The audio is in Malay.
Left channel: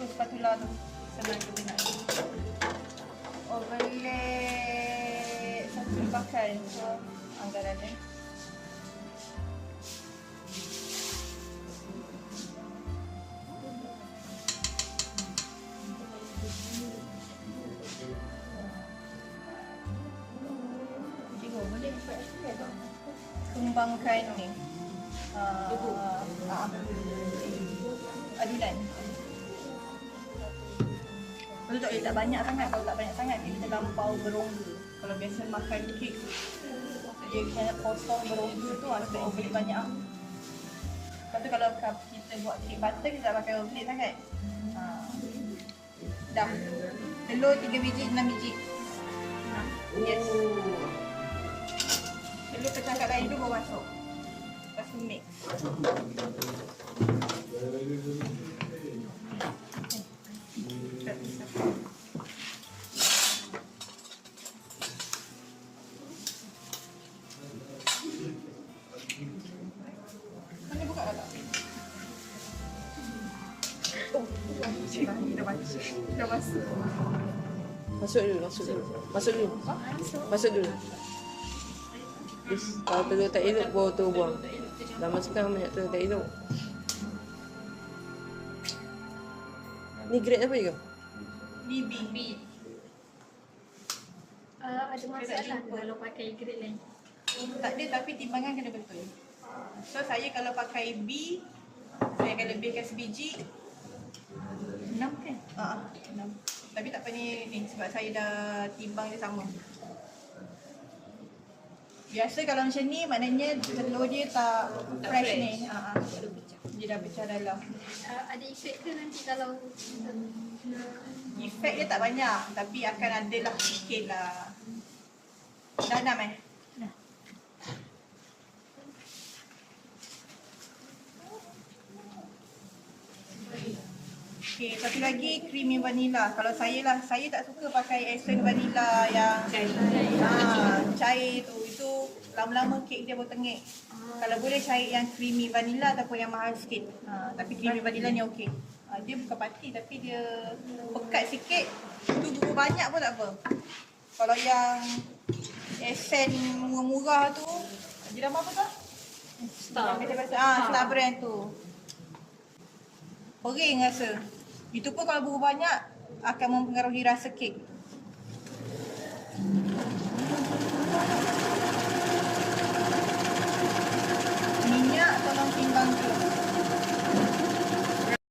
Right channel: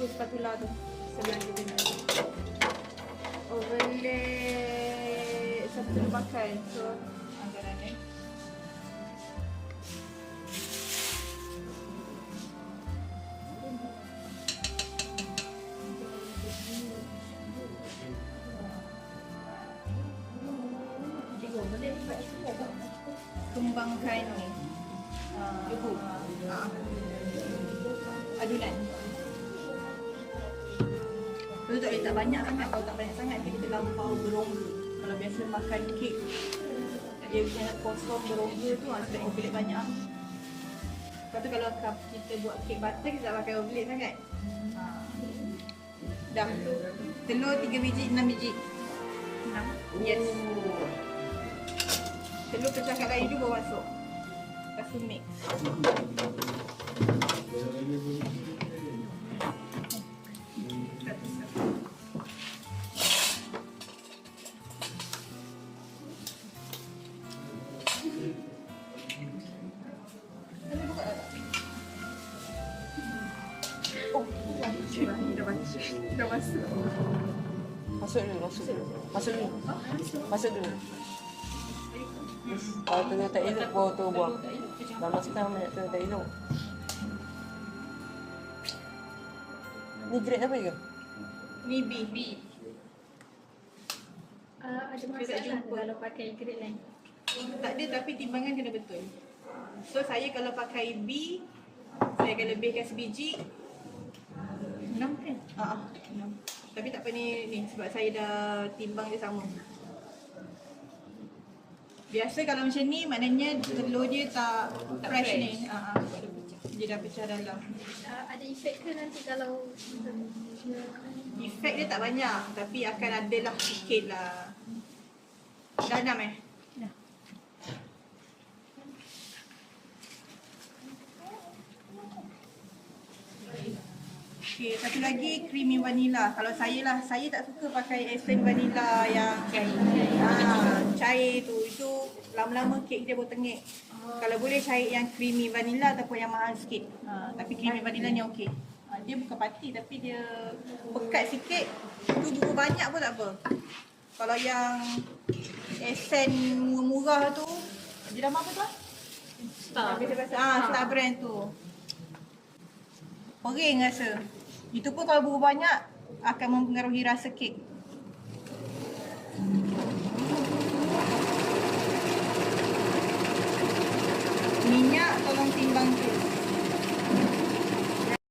spatula tu. Senang tu guna. Overlay satu pakai. So, anggaran ni. Kembangkan ni adulan. Betul tak letak banyak sangat. Kalau tak banyak sangat kita lampau berongga. Kalau biasa makan kek dia kena potong berongga tu sebab overlay banyak. Lepas tu kalau kita buat kek butter kita tak pakai overlay sangat. Dah. Telur 3 biji, 6 biji. 6. Yes. Telur pecah kat air tu baru masuk. Lepas tu mix. Mana buka tak? Oh, dah masuk. Dah masuk. Masuk dulu. Masuk dulu. Kalau telur tak elok, baru tu buang. Dah masukkan banyak telur tak elok. Ni grade apa ke? Ni B. Ada masalah kalau pakai grade lain? Tak ada, tapi timbangan kena betul. So saya kalau pakai B, saya akan lebihkan sebiji. 6 kan? 6. Tapi tak apa ni sebab saya dah timbang dia sama. Biasa kalau macam ni maknanya telur dia tak fresh ni. Dia dah pecah dalam. Ada efek ke nanti kalau Efek dia tak banyak tapi akan ada lah sikit lah. Dah 6 Dah. Okay, satu lagi creamy vanilla. Kalau saya tak suka pakai essence vanilla yang cair tu. Itu lama-lama kek dia bertengik. Kalau boleh cair yang creamy vanilla ataupun yang mahal sikit. Tapi creamy vanilla ni okey. Dia bukan pati tapi dia pekat sikit. Tu bubur banyak pun tak apa. Kalau yang essence murah-murah tu, dia nama apa tu? Star brand tu. Pering rasa. Itu pun kalau bubur banyak akan mempengaruhi rasa kek. Minyak tolong timbang tu.